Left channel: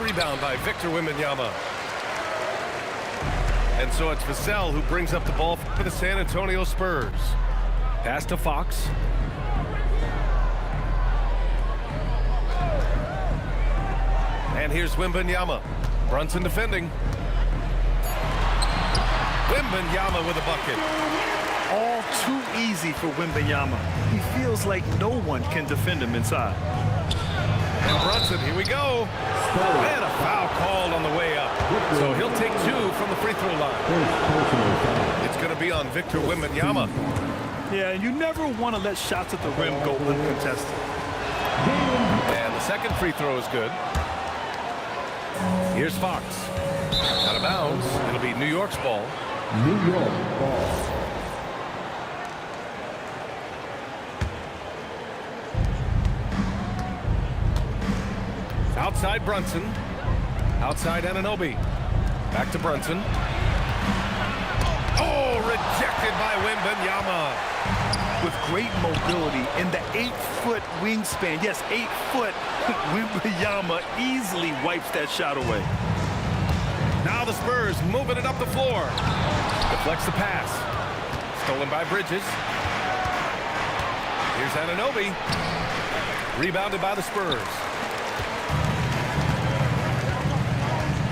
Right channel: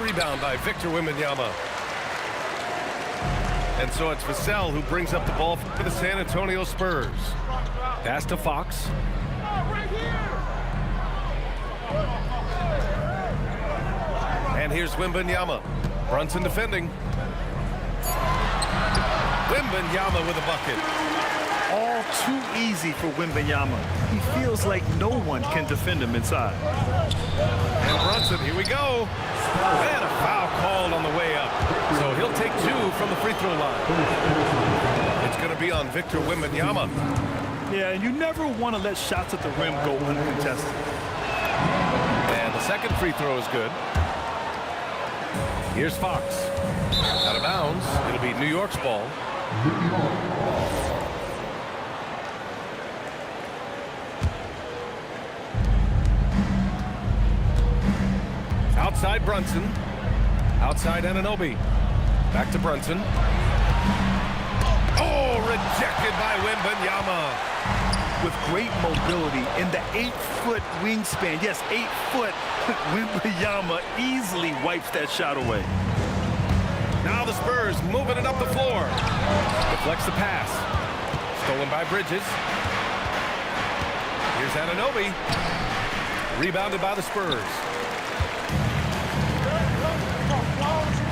rebound by Victor Wembanyama. And so it's Vassell who brings up the ball for the San Antonio Spurs. Pass to Fox. And here's Wembanyama. Brunson defending. Wembanyama with a bucket. All too easy for Wembanyama. He feels like no one can defend him inside. And Brunson, here we go. And a foul called on the way up. So he'll take 2 from the free throw line. It's going to be on Victor Wembanyama. Yeah, and you never want to let shots at the rim go uncontested. And the second free throw is good. Here's Fox. Out of bounds. It'll be New York's ball. New York ball. Outside Brunson. Outside Anunoby. Back to Brunson. Oh, rejected by Wembanyama. With great mobility in the 8-foot wingspan. Yes, 8 foot. Wembanyama easily wipes that shot away. Now the Spurs moving it up the floor. Deflects the pass. Stolen by Bridges. Here's Anunoby. Rebounded by the Spurs.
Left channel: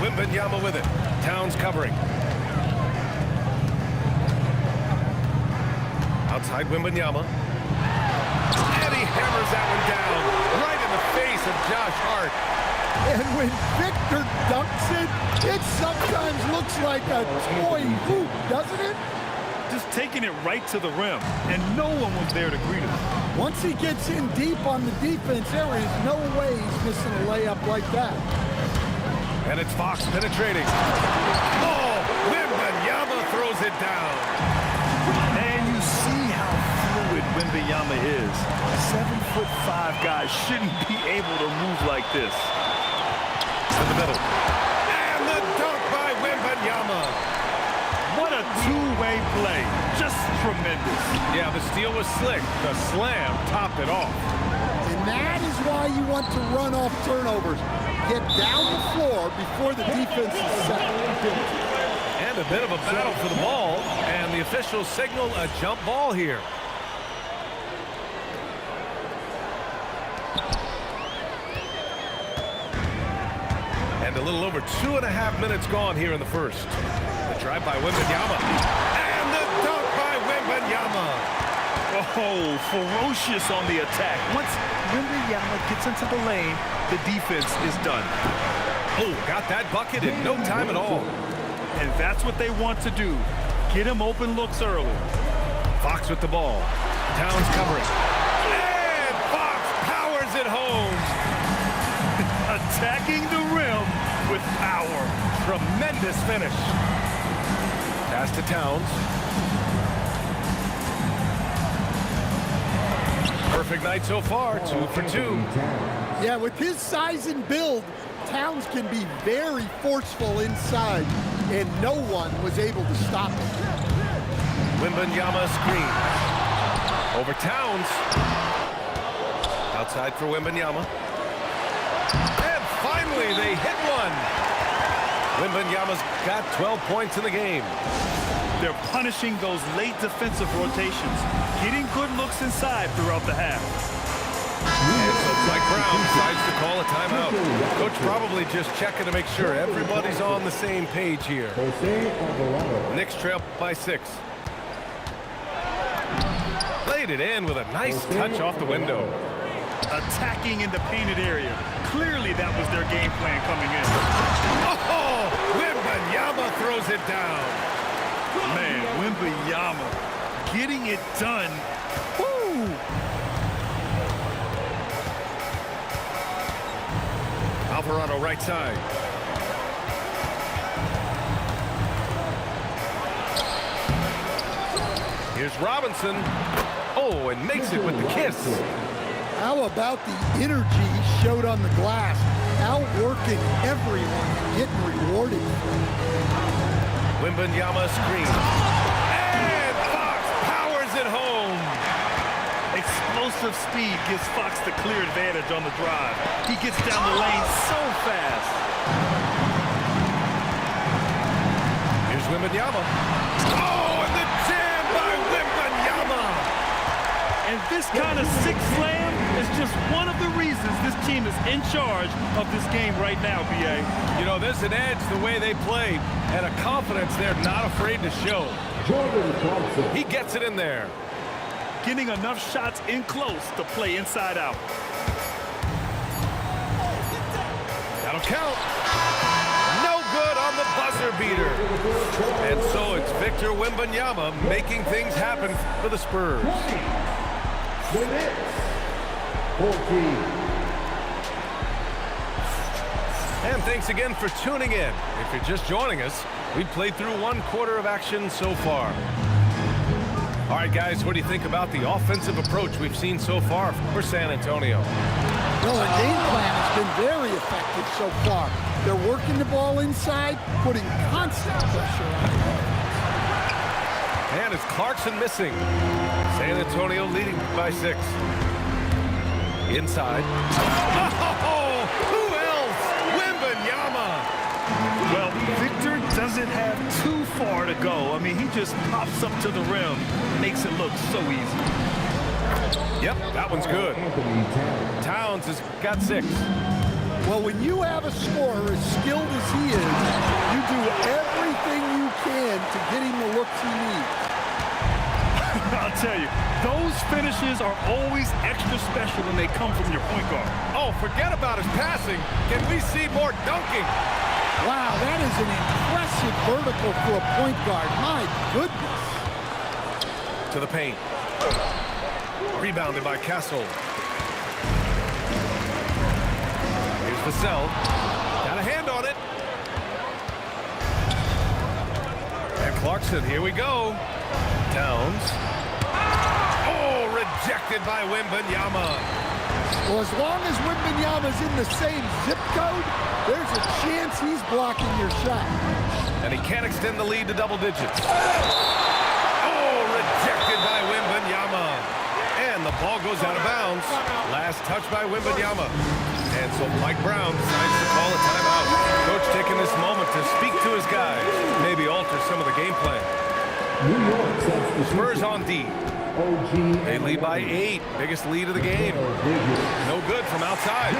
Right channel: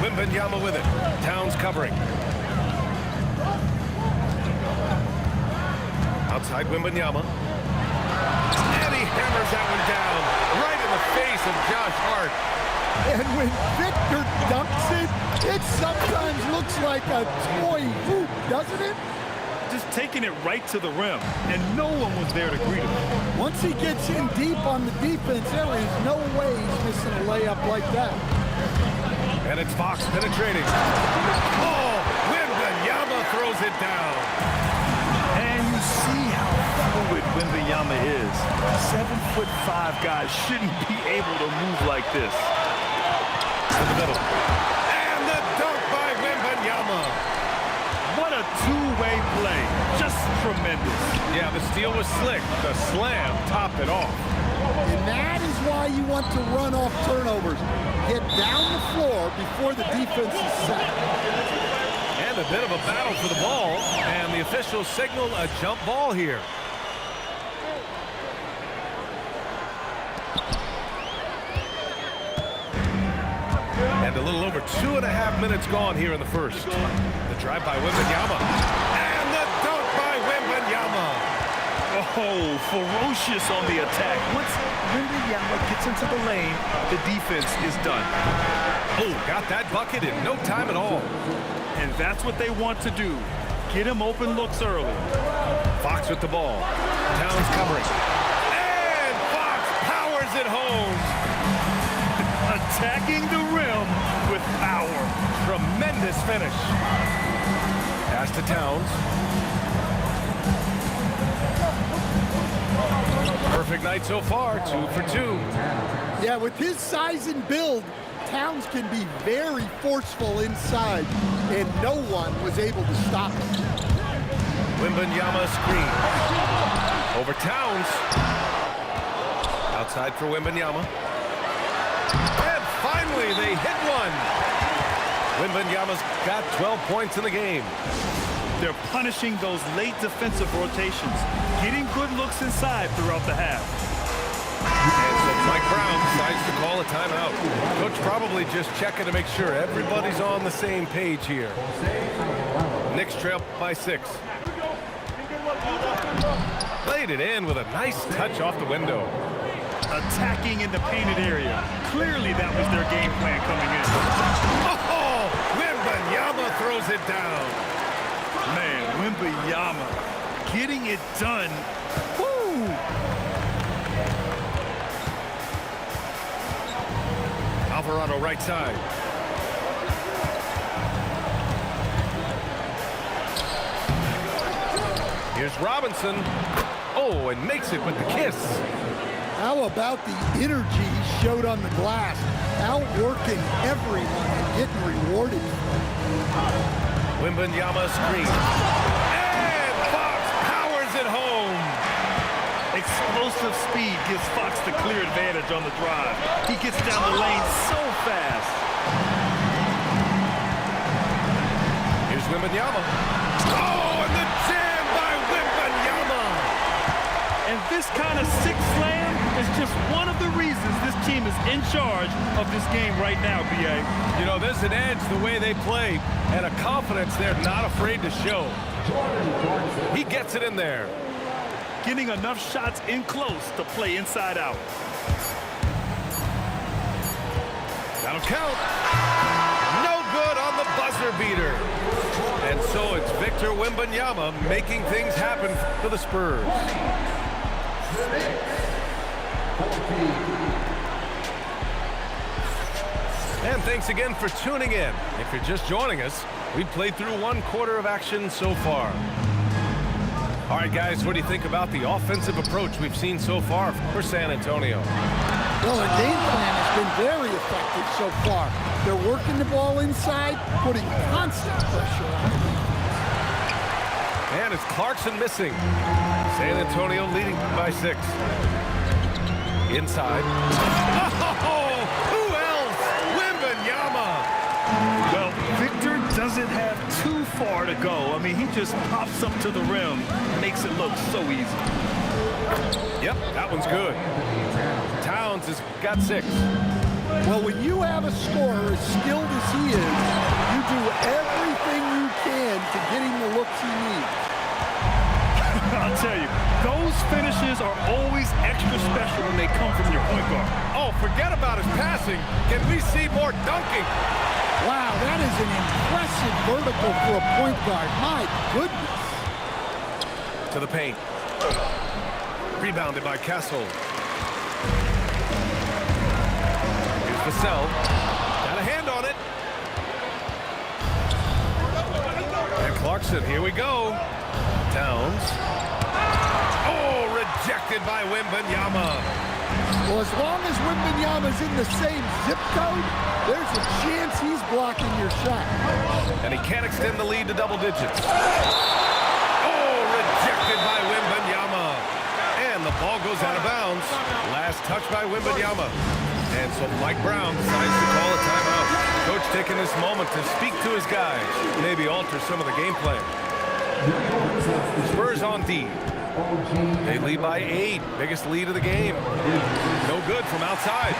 Wembanyama with it. Towns covering. Outside Wembanyama. And he hammers that one down right in the face of Josh Hart. And when Victor dunks it sometimes looks like a toy hoop, doesn't it? Just taking it right to the rim, and no one was there to greet him. Once he gets in deep on the defense, there is no way he's missing a layup like that. And it's Fox penetrating. Oh, Wembanyama throws it down. And you see how fluid Wembanyama is. 7'5" guys shouldn't be able to move like this. To the middle. And the dunk by Wembanyama. What a two-way play. Just tremendous. Yeah, the steal was slick. The slam topped it off. And that is why you want to run off turnovers. Get down the floor before the defense is set. And a bit of a battle for the ball, and the officials signal a jump ball here. And a little over 2.5 minutes gone here in the first. The drive by Wembanyama. And the dunk by Wembanyama. Oh, ferocious on the attack. Once Wembanyama gets into the lane, the defense is done. Oh, got that bucket in no time at all. And that's what they want to do. Get him open looks early. Fox with the ball. Towns covering. And Fox powers it home. Attacking the rim with power. Tremendous finish. Pass to Towns. Perfect night so far, 2 for 2. Yeah, with his size and build, Towns can be very forceful inside, and no one was able to stop him. Wembanyama screen. Over Towns. Outside for Wembanyama. And finally, they hit one. Wembanyama's got 12 points in the game. They're punishing those late defensive rotations, getting good looks inside throughout the half. And so Mike Brown decides to call a timeout. Coach probably just checking to make sure everybody's on the same page here. Knicks trail by 6. Played it in with a nice touch off the window. Attacking in the painted area. Clearly that was their game plan coming in. Oh, Wembanyama throws it down. Man, Wembanyama getting it done. Woo! Alvarado right side. Here's Robinson. Oh, and makes it with the kiss. How about the energy he showed on the glass, outworking everyone and getting rewarded. Wembanyama screen. And Fox powers it home. Explosive speed gives Fox the clear advantage on the drive. He gets down the lane so fast. Wembanyama. Oh, and the jam by Wembanyama. And this kind of sick slam is just one of the reasons this team is in charge of this game right now, B.A. You know, there's an edge the way they play and a confidence they're not afraid to show. He gets it in there. Getting enough shots in close to play inside out. That'll count. No good on the buzzer beater. And so it's Victor Wembanyama making things happen for the Spurs. The Knicks, 14. And thanks again for tuning in. If you're just joining us, we've played through 1 quarter of action so far. All right, guys, what do you think about the offensive approach we've seen so far for San Antonio? Well, their game plan has been very effective so far. They're working the ball inside, putting constant pressure on it. And it's Clarkson missing. San Antonio leading by 6. Inside. Oh, who else? Wembanyama. Well, Victor doesn't have too far to go. I mean, he just pops up to the rim, makes it look so easy. Yep, that one's good. Towns has got 6. Well, when you have a scorer as skilled as he is, you do everything you can to get him the looks he needs. I'll tell you, those finishes are always extra special when they come from your point guard. Oh, forget about his passing. Can we see more dunking? Wow, that is an impressive vertical for a point guard. My goodness. To the paint. Rebounded by Castle. Here's Vassell. Got a hand on it. And Clarkson, here we go. Towns. Oh, rejected by Wembanyama. Well, as long as Wembanyama's in the same zip code, there's a chance he's blocking your shot. And he can't extend the lead to double digits. Oh, rejected by Wembanyama. And the ball goes out of bounds. Last touch by Wembanyama. And so Mike Brown decides to call a timeout. Coach taking this moment to speak to his guys, maybe alter some of the game plan. Spurs on D. They lead by 8. Biggest lead of the game. No good from outside.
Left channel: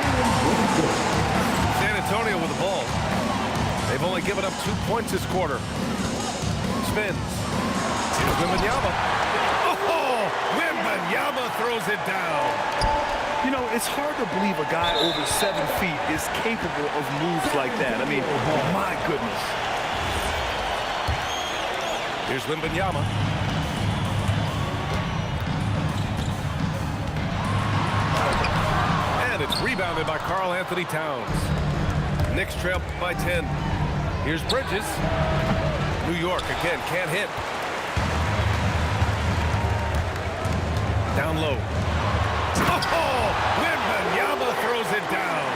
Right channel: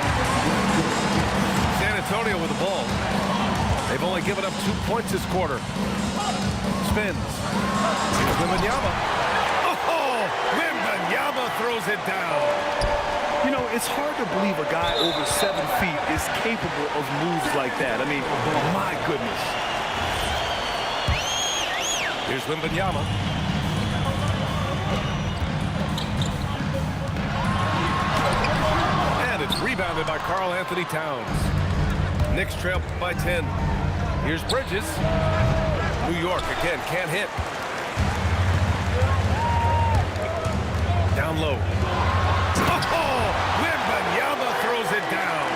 San Antonio with the ball. They've only given up 2 points this quarter. Spins. Here's Wembanyama. Oh, Wembanyama throws it down. You know, it's hard to believe a guy over 7 feet is capable of moves like that. I mean, my goodness. Here's Wembanyama. And it's rebounded by Karl Anthony Towns. Knicks trail by 10. Here's Bridges. New York again, can't hit. Down low. Oh, Wembanyama throws it down.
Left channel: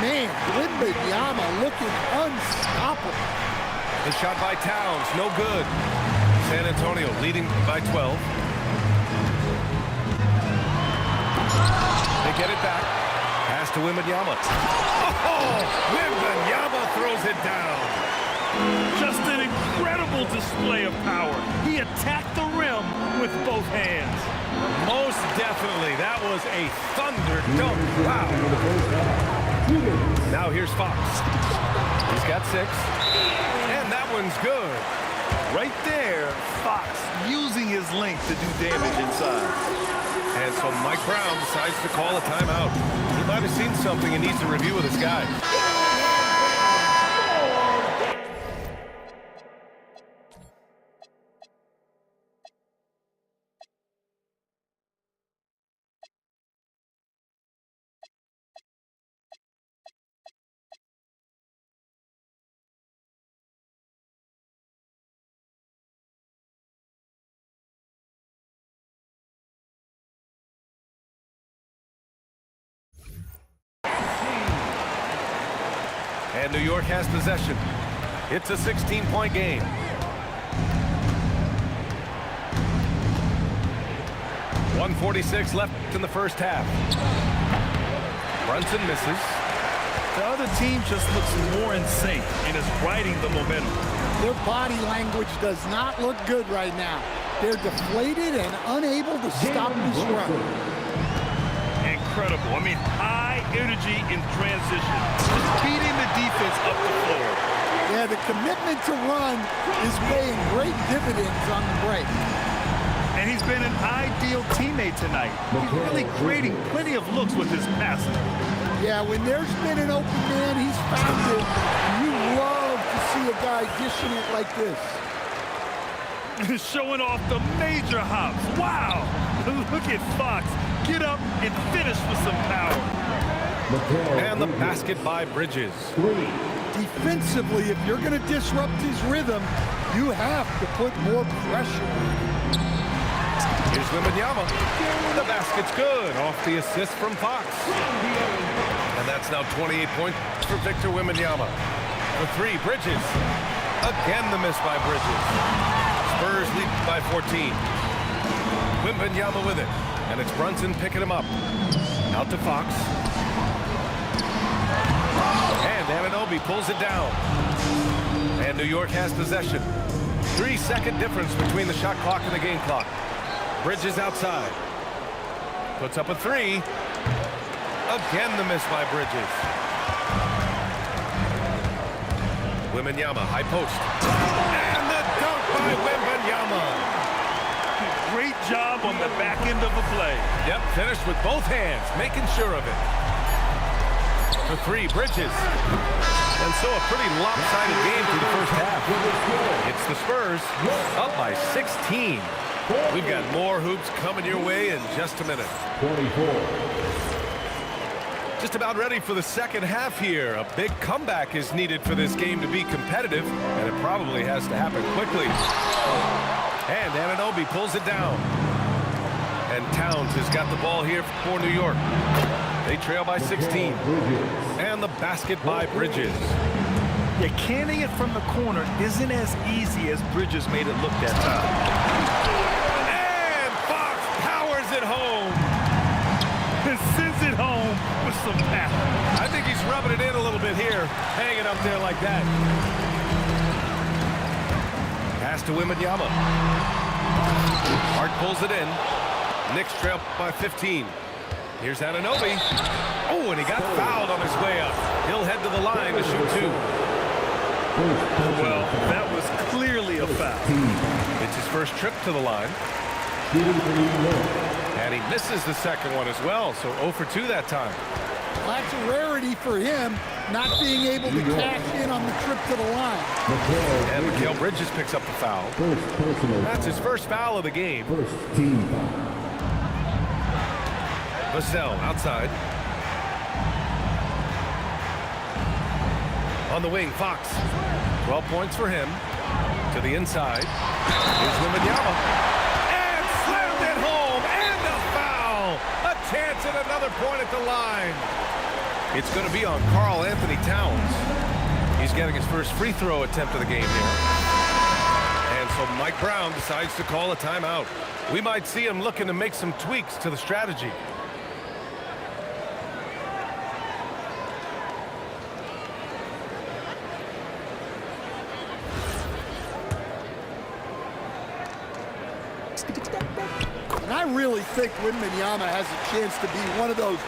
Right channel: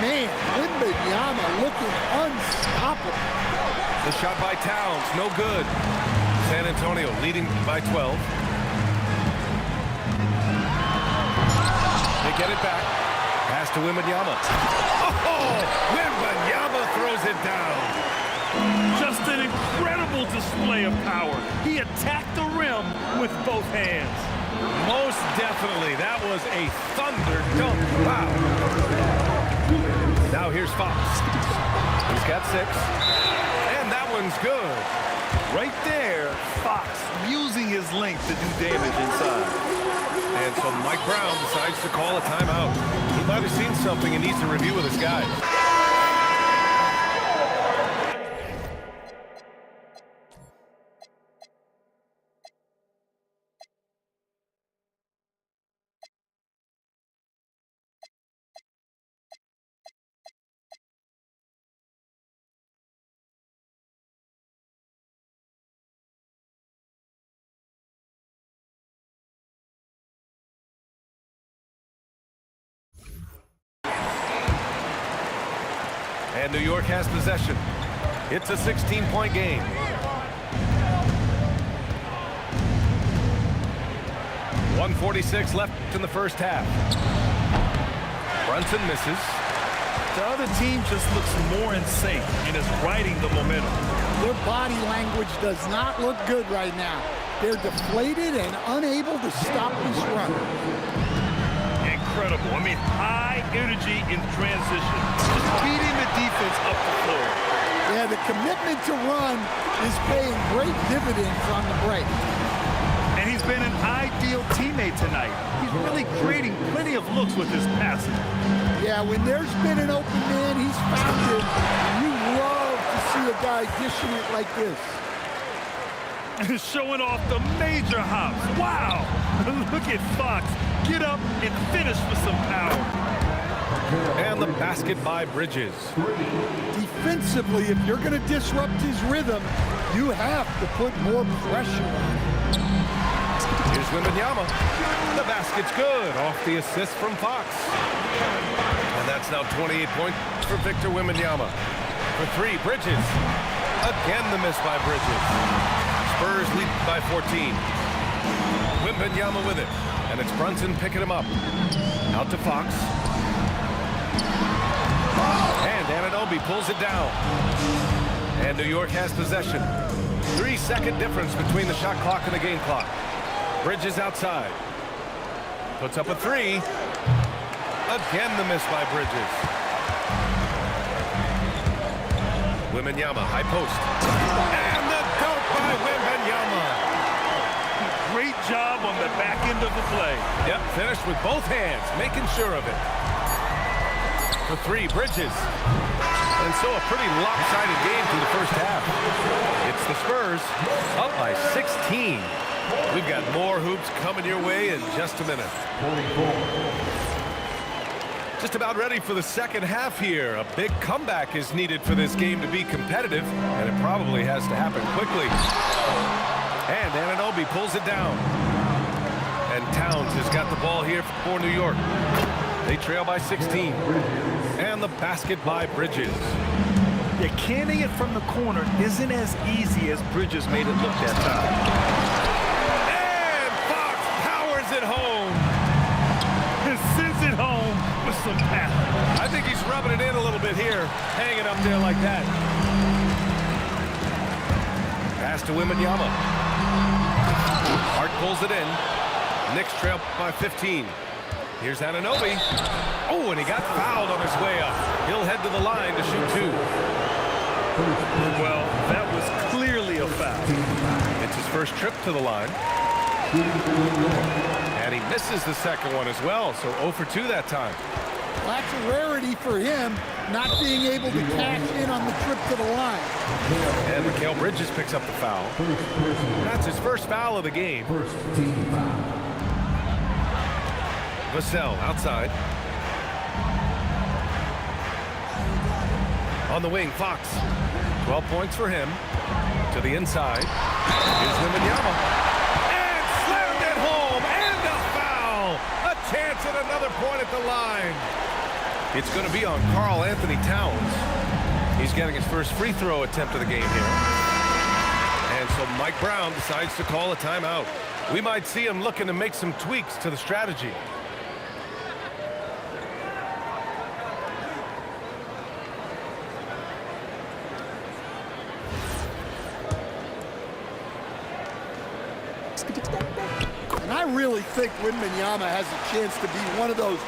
Man, Wembanyama looking unstoppable. The shot by Towns, no good. San Antonio leading by 12. They get it back. Pass to Wembanyama. Oh, Wembanyama throws it down. Just an incredible display of power. He attacked the rim with both hands. Most definitely. That was a thunder dunk. Wow. Now here's Fox. He's got 6. And that one's good. Right there, Fox using his length to do damage inside. And so Mike Brown decides to call a timeout. He might have seen something and needs to review with his guys. And New York has possession. It's a 16-point game. .146 left in the first half. Brunson misses. The other team just looks more in sync and is riding the momentum. Their body language does not look good right now. They're deflated and unable to stop this run. Incredible. I mean, high energy in transition. Just beating the defense up the floor. Yeah, the commitment to run is paying great dividends on the break. And he's been an ideal teammate tonight. He's really creating plenty of looks with his passing. Yeah, when there's been an open man, he's found it. And you love to see a guy dishing it like this. Showing off the major hops. Wow! Look at Fox. Get up and finish with some power. And the basket by Bridges. Defensively, if you're going to disrupt his rhythm, you have to put more pressure on him. Here's Wembanyama. The basket's good off the assist from Fox. And that's now 28 points for Victor Wembanyama. For three, Bridges. Again, the miss by Bridges. Spurs lead by 14. Wembanyama with it. And it's Brunson picking him up. Out to Fox. And Anunoby pulls it down. And New York has possession. 3-second difference between the shot clock and the game clock. Bridges outside. Puts up a three. Again, the miss by Bridges. Wembanyama, high post. And the dunk by Wembanyama. Great job on the back end of the play. Yep, finished with both hands, making sure of it. For three, Bridges. And so a pretty lopsided game through the first half. It's the Spurs up by 16. We've got more hoops coming your way in just a minute. 24. Just about ready for the second half here. A big comeback is needed for this game to be competitive, and it probably has to happen quickly. And Anunoby pulls it down. And Towns has got the ball here for New York. They trail by 16. And the basket by Bridges. Yeah, canning it from the corner isn't as easy as Bridges made it look that time. And Fox powers it home. And sends it home with some power. I think he's rubbing it in a little bit here, hanging up there like that. Pass to Wembanyama. Hart pulls it in. Knicks trail by 15. Here's Anunoby. Oh, and he got fouled on his way up. He'll head to the line to shoot two. Well, that was clearly a foul. It's his first trip to the line. And he misses the second one as well, so 0 for 2 that time. Well, that's a rarity for him, not being able to cash in on the trip to the line. And Mikal Bridges picks up the foul. That's his first foul of the game. First team foul. Vassell outside. On the wing, Fox. 12 points for him. To the inside. Here's Wembanyama. And slammed it home. And a foul. A chance at another point at the line. It's going to be on Karl Anthony Towns. He's getting his first free throw attempt of the game here. And so Mike Brown decides to call a timeout. We might see him looking to make some tweaks to the strategy. And I really think Wembanyama has a chance to be one of those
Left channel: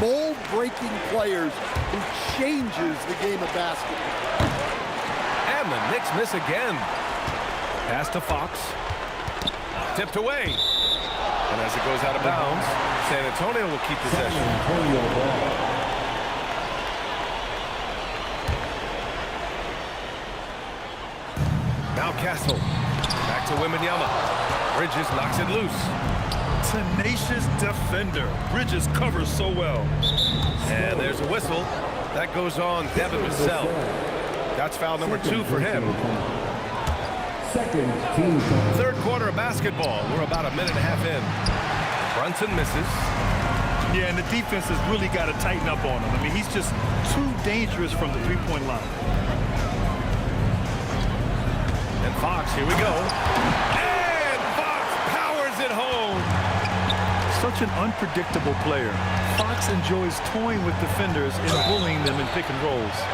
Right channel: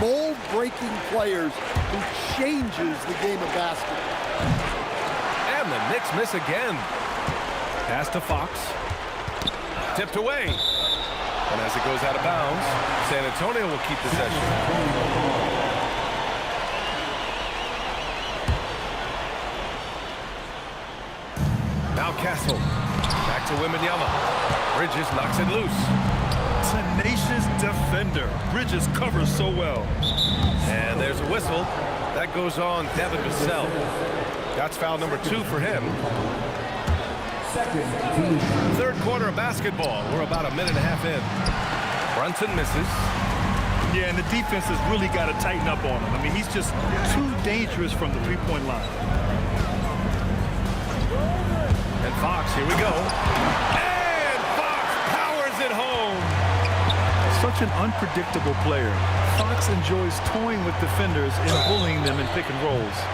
mold-breaking players who changes the game of basketball. And the Knicks miss again. Pass to Fox. Tipped away. And as it goes out of bounds, San Antonio will keep possession. Now Castle. Back to Wembanyama. Bridges knocks it loose. Tenacious defender. Bridges covers so well. And there's a whistle. That goes on Devin Vassell. That's foul number 2 for him. Second team foul. Third quarter of basketball. We're about a minute and a half in. Brunson misses. Yeah, and the defense has really got to tighten up on him. I mean, he's just too dangerous from the three-point line. And Fox, here we go. And Fox powers it home. Such an unpredictable player. Fox enjoys toying with defenders and bullying them in pick and rolls.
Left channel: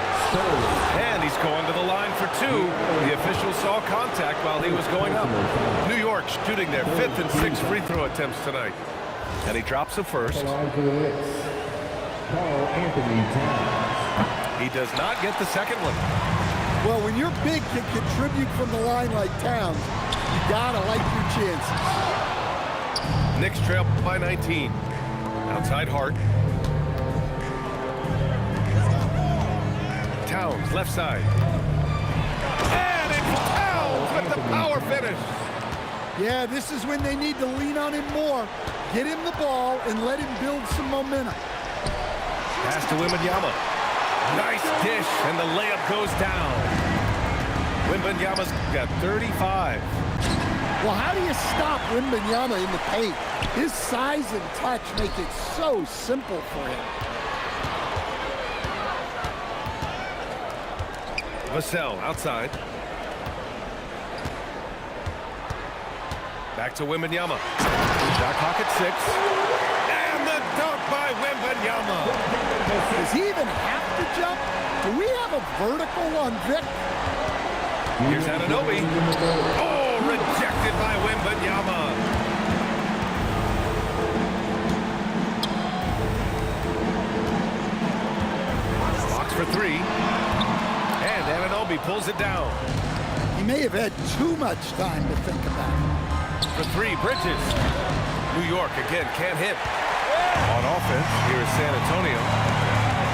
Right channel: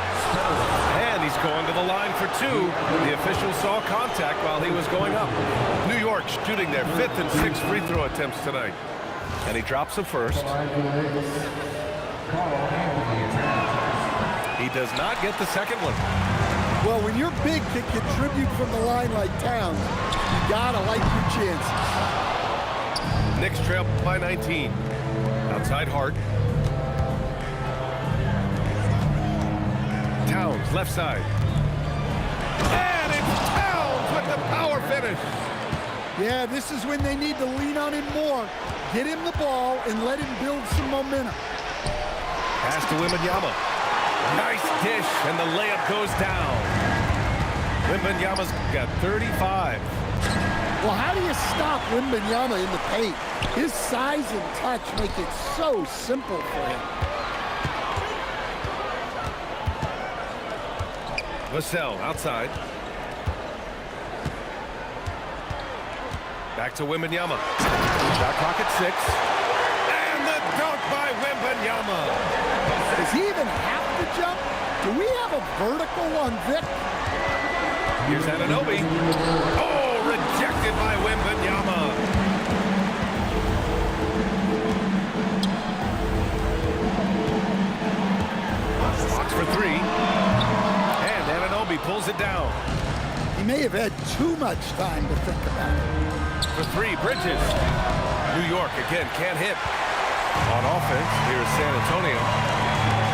And he's going to the line for two. The official saw contact while he was going up. New York shooting their 5th and 6th free throw attempts tonight. And he drops the first. He does not get the second one. Well, when your big can contribute from the line like Towns, you gotta like your chances. Knicks trail by 19. Outside Hart. Towns, left side. And it's Towns with the power finish. Yeah, this is when they need to lean on him more. Get him the ball and let him build some momentum. Pass to Wembanyama. Nice dish, and the layup goes down. Wembanyama's got 35. Well, how do you stop Wembanyama in the paint? His size and touch make it so simple for him. Vassell outside. Back to Wembanyama. Shot clock at 6. And the dunk by Wembanyama. Does he even have to jump? Do we have a vertical on Vic? Here's Anunoby. Oh, rejected by Wembanyama. Fox for 3. And Anunoby pulls it down. He may have had too much time to think about it. For 3, Bridges. New York again can't hit. On offense, here is San Antonio.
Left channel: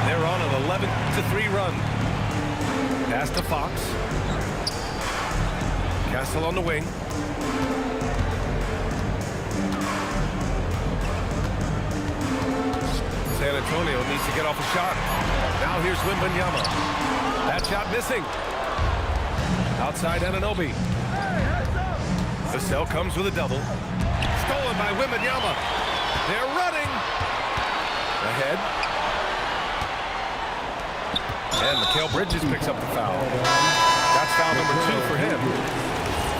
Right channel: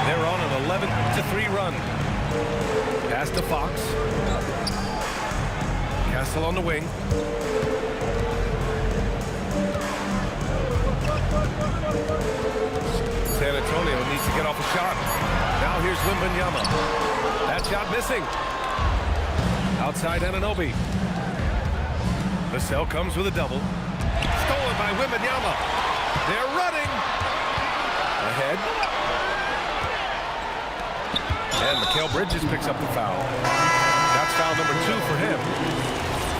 They're on an 11-3 run. Pass to Fox. Castle on the wing. San Antonio needs to get off a shot. Now here's Wembanyama. That shot missing. Outside Anunoby. Vassell comes with a double. Stolen by Wembanyama. They're running. Ahead. And Mikal Bridges picks up the foul. That's foul number 2 for him.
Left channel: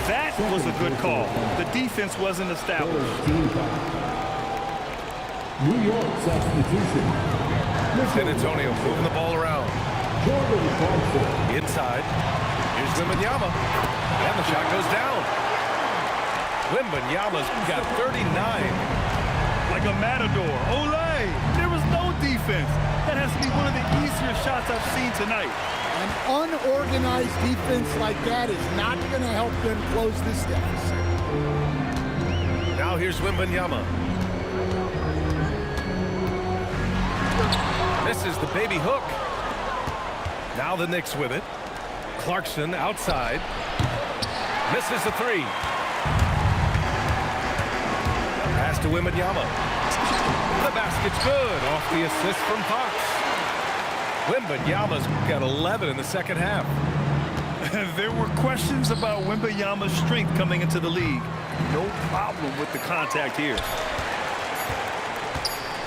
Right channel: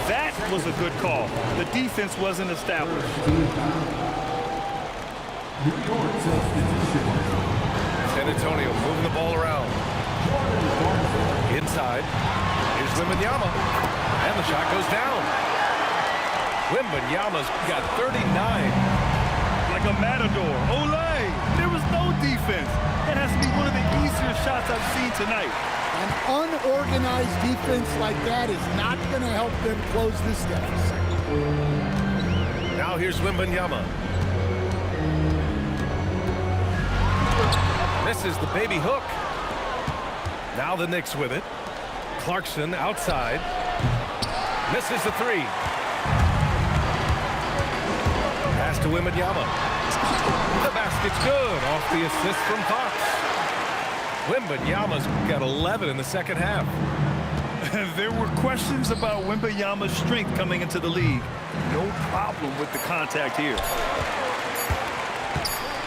That was a good call. The defense wasn't established. New York substitution. San Antonio moving the ball around. Inside. Here's Wembanyama. And the shot goes down. Wembanyama's got 39. Like a matador. Olay! There was no defense. That has to be one of the easier shots I've seen tonight. An unorganized defense like that is not going to help them close this deficit. Now here's Wembanyama. Misses the baby hook. Now the Knicks with it. Clarkson outside. Misses the 3. Pass to Wembanyama. The basket's good off the assist from Fox. Wembanyama's got 11 in the second half. There were questions about Wembanyama's strength coming into the league. No problem with the contact here.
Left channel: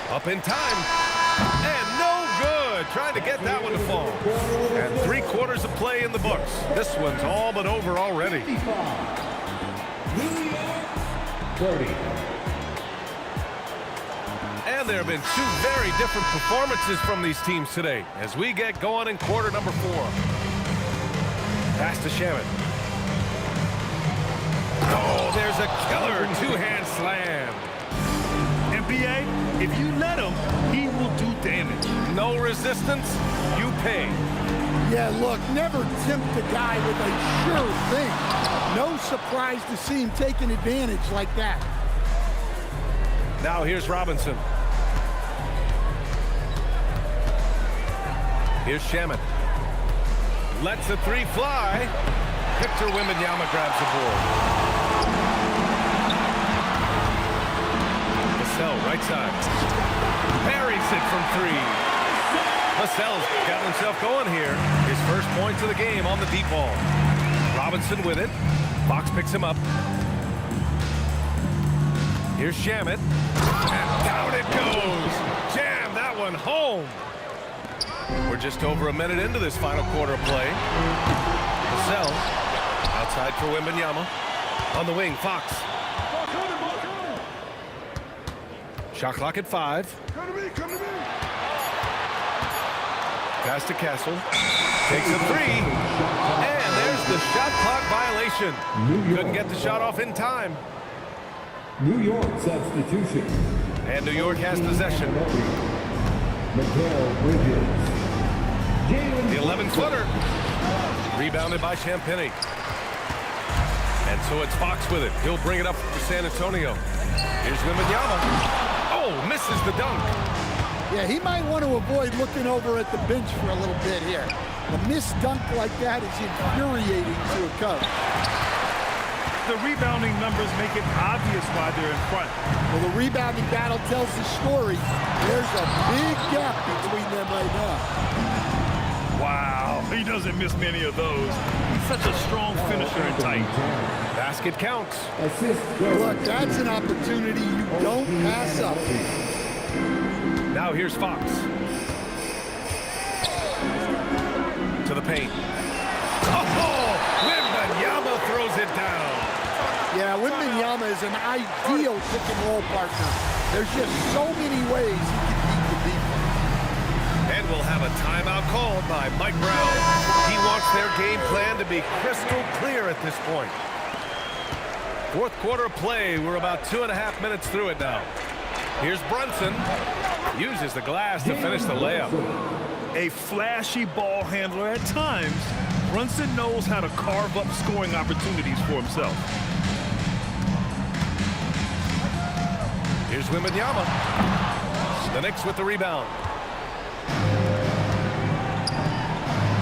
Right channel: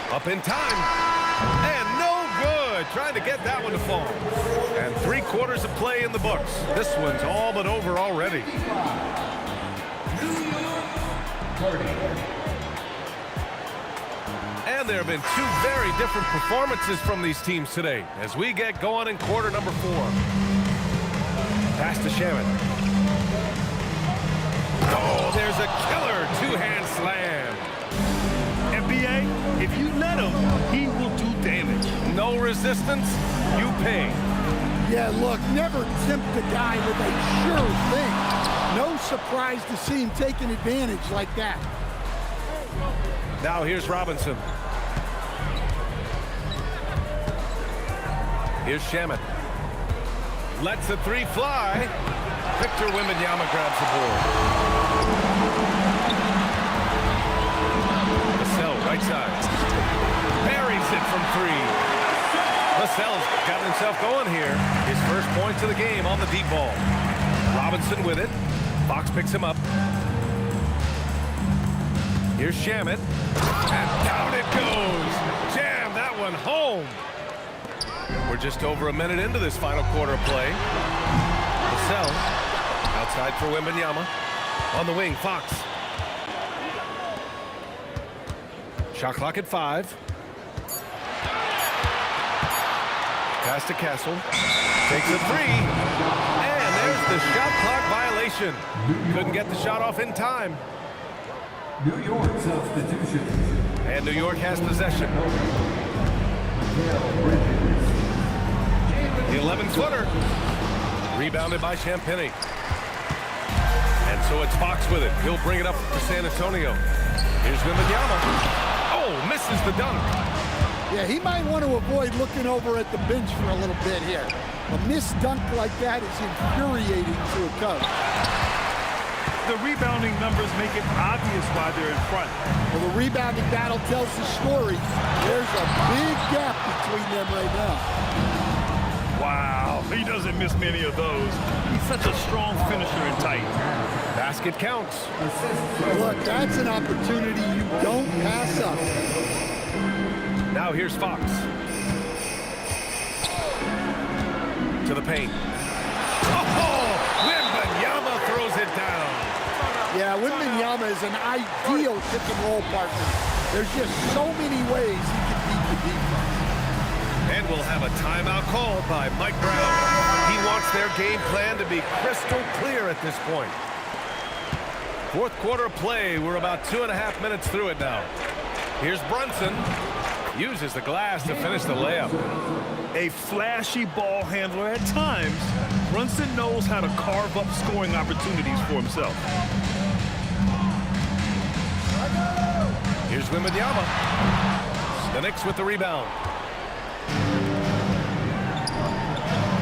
Up in time. And no good. Trying to get that one to fall. And 3/4 of play in the books. This one's all but over already. 30. And there have been 2 very different performances from these teams today as we get going in quarter number 4. Pass to Shaman. Oh, there's a killer 2-hand slam. NBA, if you let him, he will do damage. No resistance, you pay. Yeah, look, never tempt a guy with a sure thing. No surprise to see him taking advantage like that. Now here's Robinson. Here's Shaman. Lets the 3 fly. Victor Wembanyama grabs the board. Vassell, right side. Buries it from 3. Vassell's got himself going here. His first points of the game on the deep ball. Robinson with it. Fox picks him up. Here's Shaman. And down it goes. Jam that one home. We're just over a minute into this final quarter of play. Vassell outside for Wembanyama. On the wing, Fox. Shot clock at 5. Pass to Castle. Takes a 3. And there's the shot clock violation. Couldn't get the shot off in time. New York substitution. And New York has possession. Mikal Bridges. The 11-footer. Rebounded by Champagny. And so it's Fox with it. He'll bring it up for San Antonio. Here's Wembanyama. Oh, misses the dunk. Yeah, he might want to avoid looking over at the bench for a little bit here. A missed dunk like that is infuriating to a coach. The rebounding numbers make it obvious why they're in front. Well, the rebounding battle tells the story. There's a big gap between them right now. Wow, he doesn't miss many of those. He's such a strong finisher and tight. Basket counts. Look, that's an opportunity you don't pass up. Now here's Fox. To the paint. Oh, Wembanyama throws it down. Yeah, Wembanyama is an ideal pick-and-roll partner. There's just so many ways he can beat the defense. And we'll have a timeout called by Mike Brown. He wants their game plan to be crystal clear at this point. Fourth quarter of play. We're about 2.5 minutes through it now. Here's Brunson. Uses the glass to finish the layup. A flashy ball handler at times, Brunson knows how to carve up scoring opportunities for himself. Here's Wembanyama. The Knicks with the rebound.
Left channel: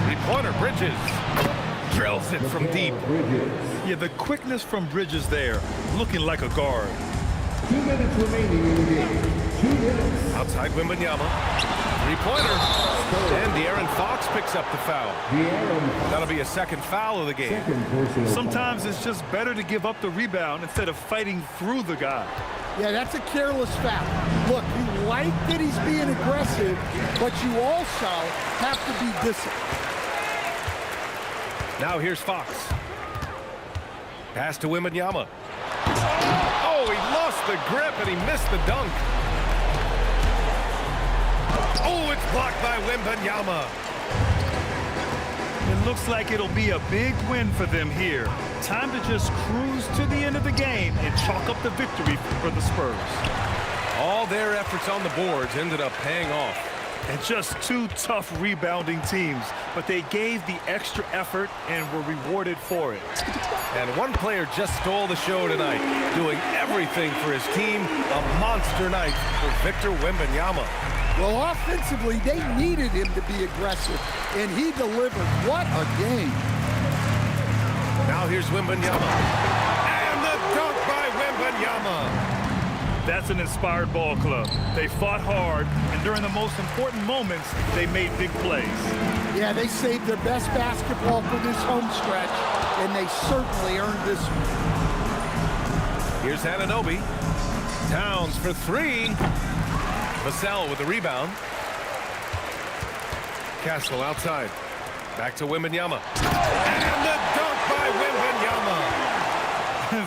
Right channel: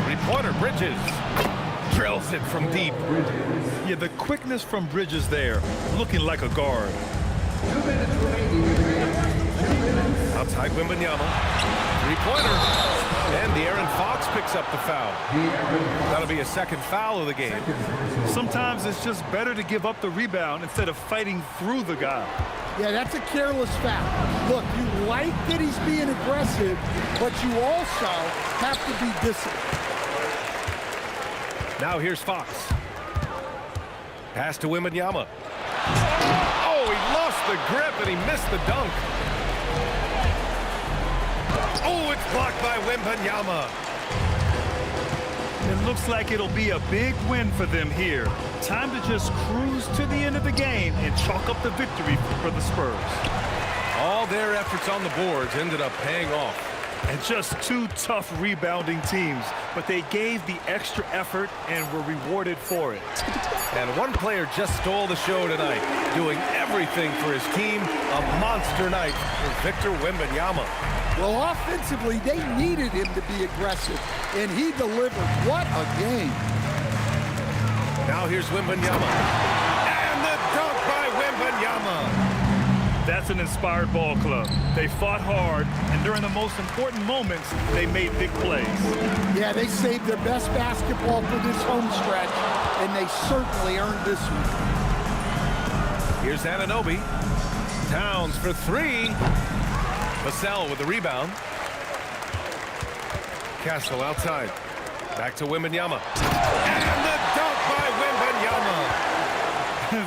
Three-pointer, Bridges. Drills it from deep. Yeah, the quickness from Bridges there, looking like a guard. 2 minutes remaining in the game. 2 minutes. Outside Wembanyama. Three-pointer. And De'Aaron Fox picks up the foul. That'll be a second foul of the game. Sometimes it's just better to give up the rebound instead of fighting through the guy. Yeah, that's a careless foul. Look, you like that he's being aggressive, but you also have to be disciplined. Now here's Fox. Pass to Wembanyama. Oh, he lost the grip and he missed the dunk. Oh, it's blocked by Wembanyama. It looks like it'll be a big win for them here. Time to just cruise to the end of the game and chalk up the victory for the Spurs. All their efforts on the boards ended up paying off. And just two tough rebounding teams, but they gave the extra effort and were rewarded for it. And one player just stole the show tonight, doing everything for his team. A monster night for Victor Wembanyama. Well, offensively, they needed him to be aggressive, and he delivered. What a game. Now here's Wembanyama. And the dunk by Wembanyama. That's an inspired ball club. They fought hard, and during the most important moments, they made big plays. Yeah, they saved their best basketball for this home stretch, and they certainly earned this one. Here's Anunoby. Towns for 3. Vassell with the rebound. Castle outside. Back to Wembanyama. And the dunk by Wembanyama.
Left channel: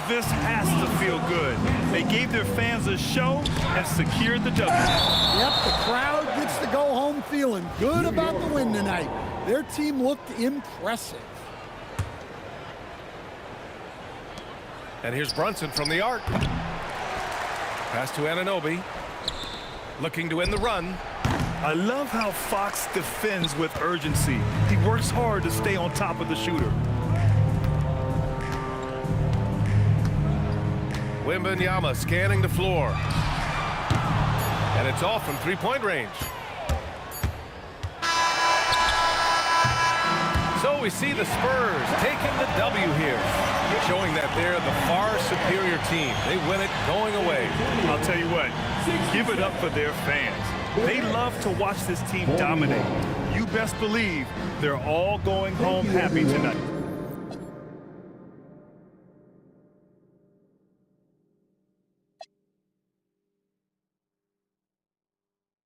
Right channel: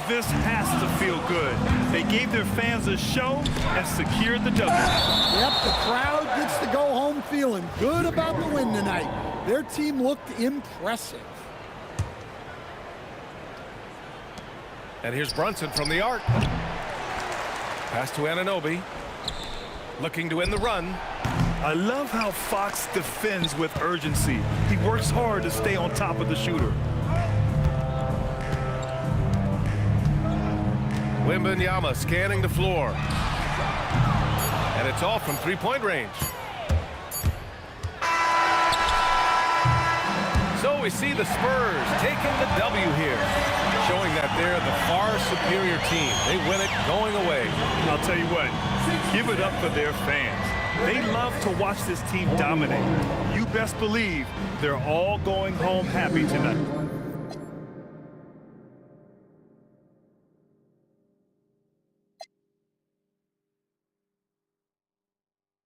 This has to feel good. They gave their fans a show and secured the W. Yep, the crowd gets to go home feeling good about the win tonight. Their team looked impressive. And here's Brunson from the arc. Pass to Anunoby. Looking to end the run. I love how Fox defends with urgency. He works hard to stay on top of the shooter. Wembanyama scanning the floor. And it's off from three-point range. So we see the Spurs taking the W here, showing that they're the far superior team. They win it going away. I'll tell you what, give it up for their fans. They love to watch this team dominate. You best believe they're all going home happy tonight.